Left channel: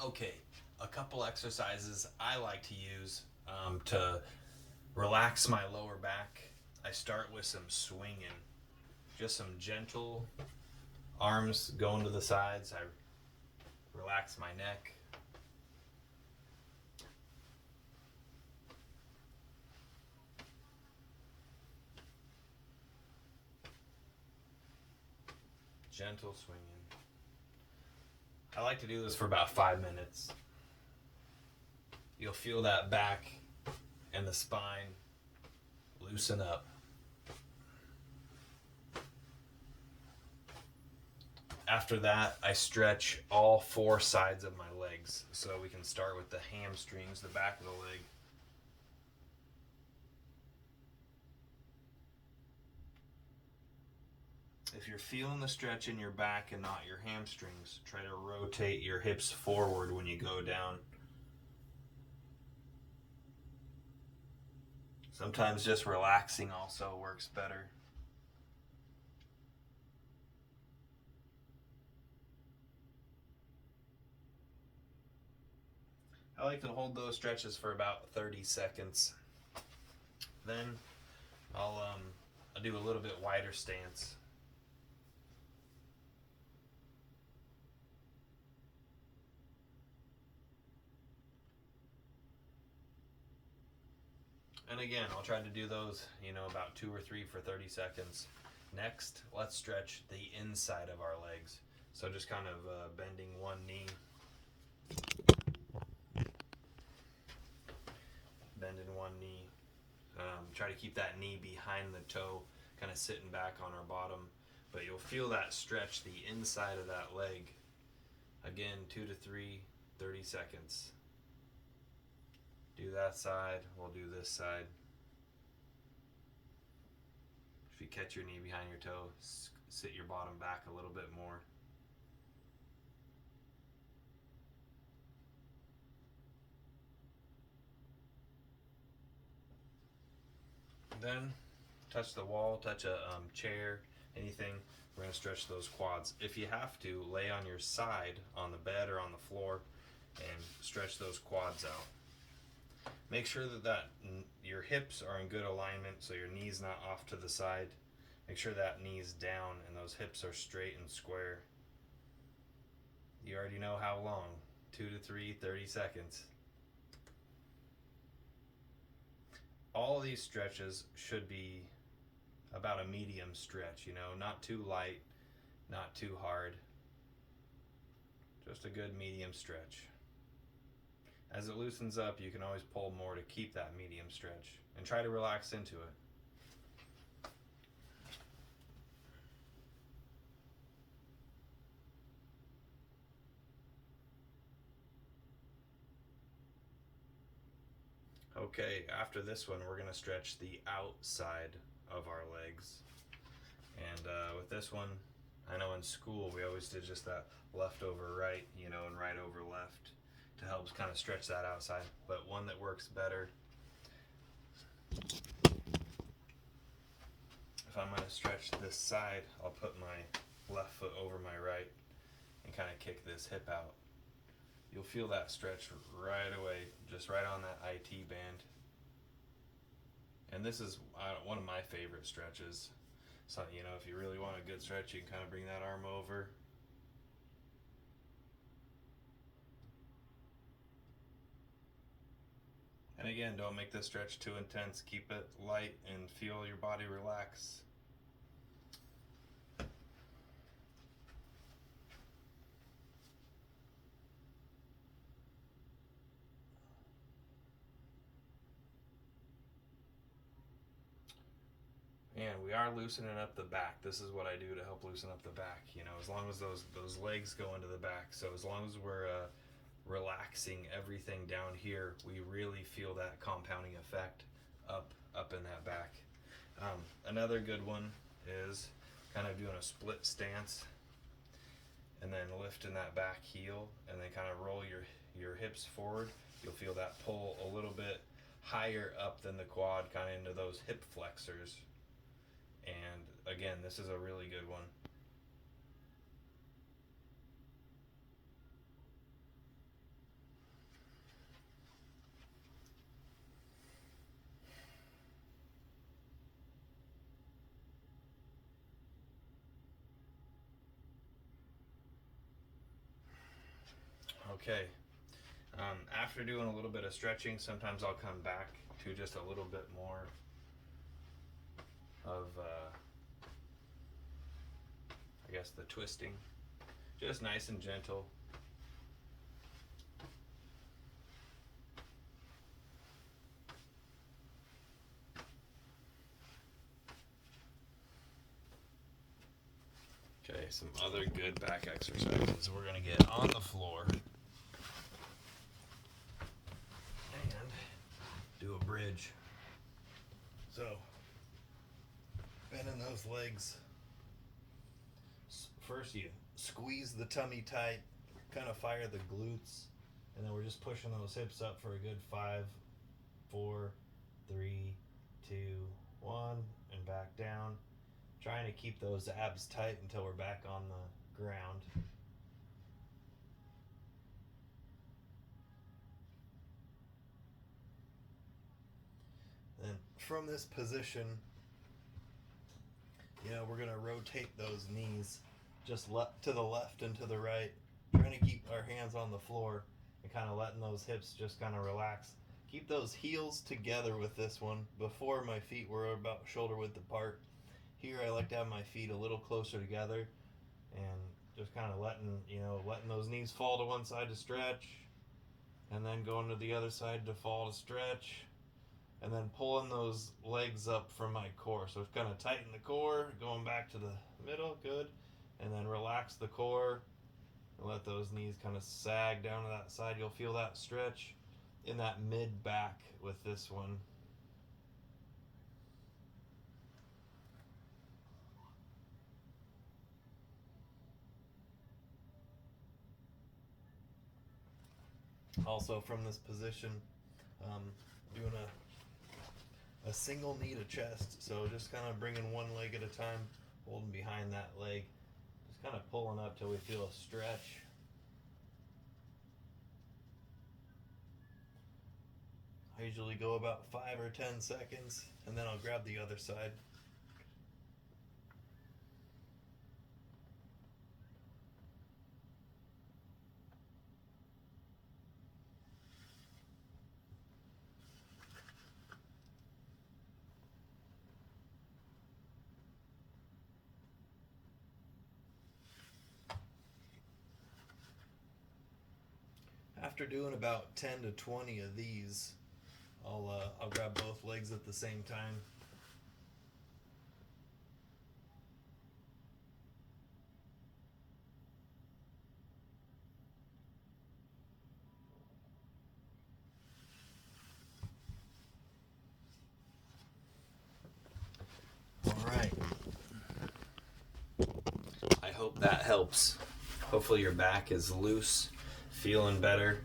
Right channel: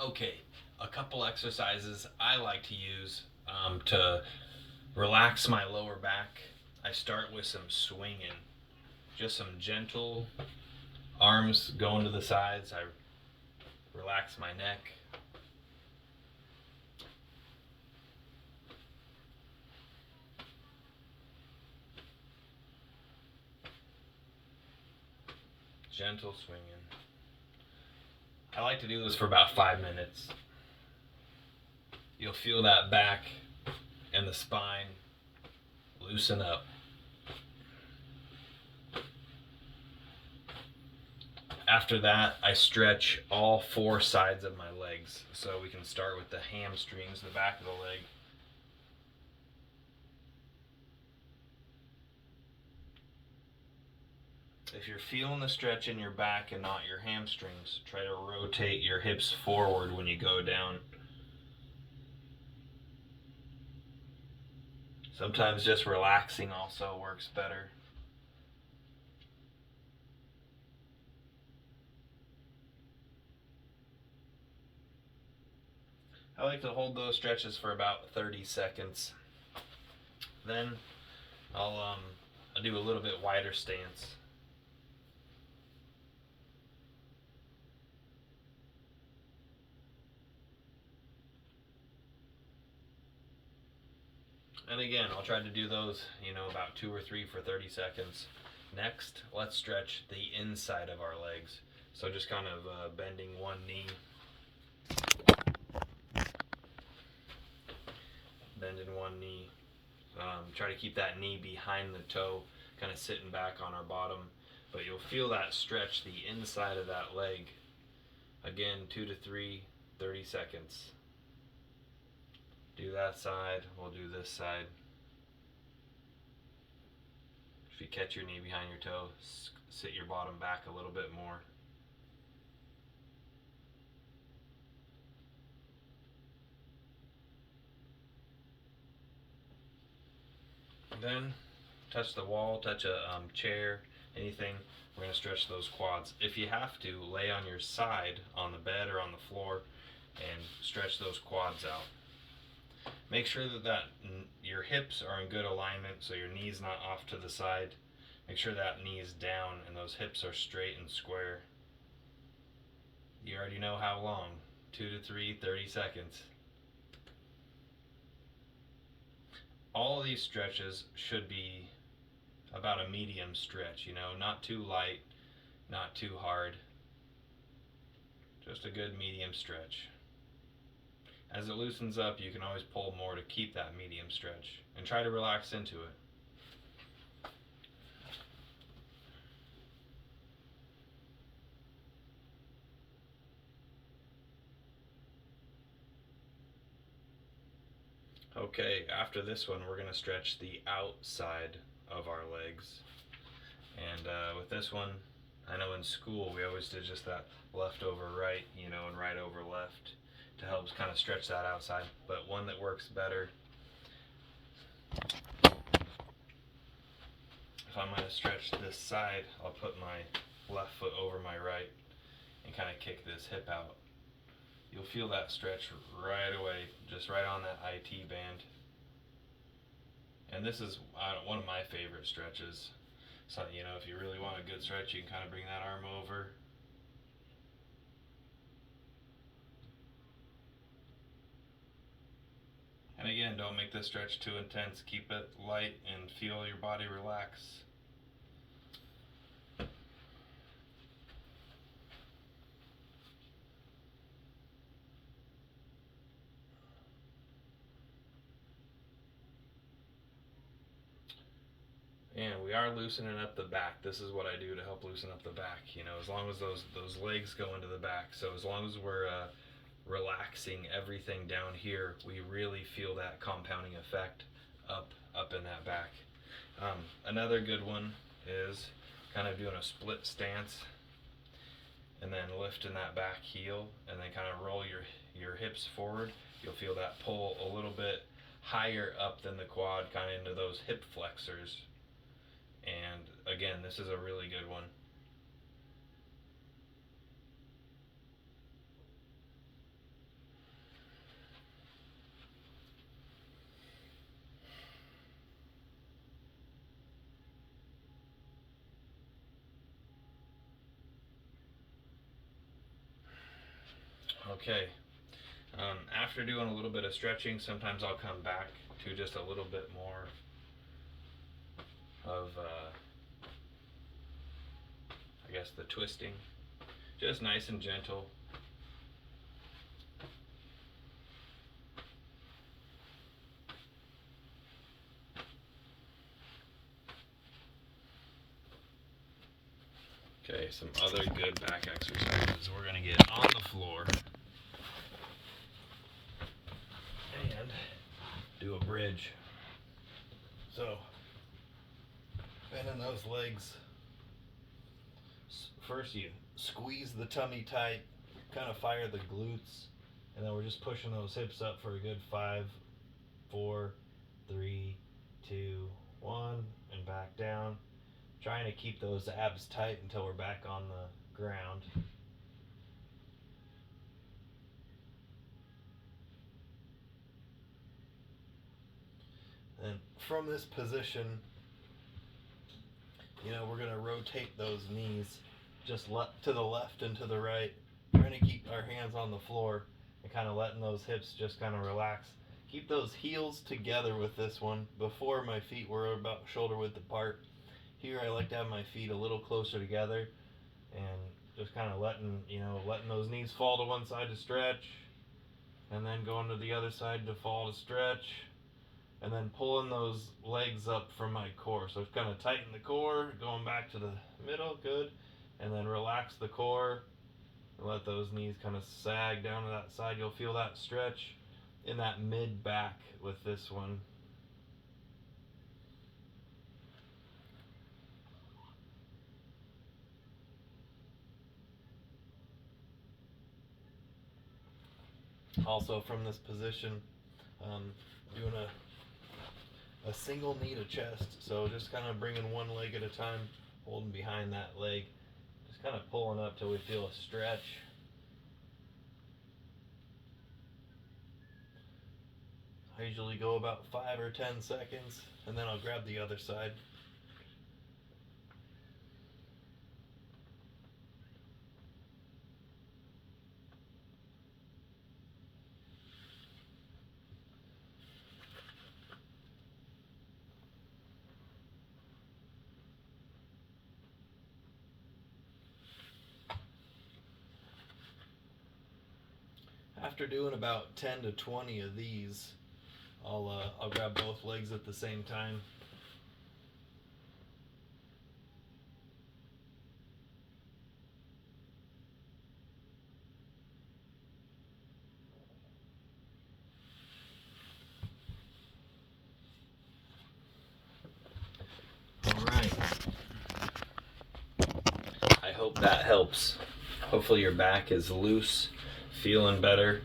Okay, a couple exercises I like to use to relax my lower back. I start with some swinging, just some gentle arms going to the sides. I relax my neck. Gentle swinging. I like to do this for about 5 minutes. You'll feel that back and the spine loosen up. After that, I stretch all four sides of my legs. So we can start with the hamstrings, the back of the leg. If you're feeling the stretch in your back and not your hamstrings, try to rotate your hips forward when you go down. Sometimes just relaxing also works better. I like to hold those stretches for about 30 seconds. Then I'll do a little bit wider stance. And again, I'll try to do those, about two or three for 30 seconds. Next, let's stretch the inside of our legs. So just kind of bending one knee, bending one knee. Try to keep that knee behind the toe, kind of sitting back on our bottom. But you'll feel that stretch the inside of that leg. Again, 2 to 3, 30 seconds. Do that side, we'll do this side. If you catch your knee behind your toe, sit your bottom back a little bit more. Then touch the wall, touch a chair, anything. We're going to stretch those quads. If you have to, lay on your side on the bed or on the floor and stretch those quads out. Make sure that your hips are in good alignment so your knee's not off to the side. Make sure that knee's down and those hips are straight and square. You already know how long. 2 to 3, 30 seconds. All of these stretches should be about a medium stretch, not too light, not too hard. Just a good medium stretch. As it loosens up, you can always pull more to keep that medium stretch and try to relax into it. Okay, after this one, we're going to stretch the outside of our legs. And with this one, I know in school we always did just that left over right, and right over left to help kind of stretch that outside. But one that works better, if I'm going to stretch this side, I'll put my left foot over my right and kind of kick this hip out. You'll feel that stretch right away, just right on that IT band. And this is one of my favorite stretches. So, if you really want a good stretch, you can kind of bring that arm over. And again, don't make this stretch too intense. Keep it light and feel your body relax. And we are loosening up the back. This is what I do to help loosen up the back. As long as those legs go into the back. So as long as we're relaxing everything down here, we really feel that compounding effect up in that back. Another good one is kind of doing a split stance and then lifting that back heel and then kind of roll your hips forward. You'll feel that pull a little bit higher up than the quad, kind of into those hip flexors. And again, this is a really good one. Okay. After doing a little bit of stretching, sometimes I'll come back to just a little bit more of, I guess, the twisting. Just nice and gentle. Okay, some other good back exercises. We're gonna get on the floor and do a bridge. So, bending those legs. First you squeeze the tummy tight, kind of fire the glutes, and then we're just pushing those hips up for a good 5, 4, 3, 2, 1, and back down. Trying to keep those abs tight until we're back on the ground. And from this position, we're going to rotate those knees just to the left and to the right, trying to keep our hands on the floor and kind of letting those hips just kind of relax. Keep those heels together with this one. Before, my feet were about shoulder width apart. Here I like to have my feet a little closer together and just kind of letting those knees fall to one side to stretch, and then going to the other side to fall to stretch, and then pulling those legs up from my core. So it's kind of tighten the core, going back to the middle, good, and then relax the core and let those knees kind of sag down to that side. You'll feel that stretch in that mid back with this one. Also from this position, doing a single knee to chest. So just kind of bringing one leg at a time, holding behind that leg, just kind of pulling up till we feel a stretch. I usually go about 5 or 10 seconds, and then I'll grab the other side. After doing about 10 to 20 of these, I'll grab both legs at the same time. All right. I hope that helps. Hopefully your back is loose, feeling better.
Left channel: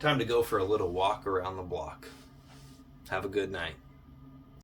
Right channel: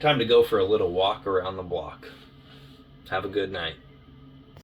Time to go for a little walk around the block. Have a good night.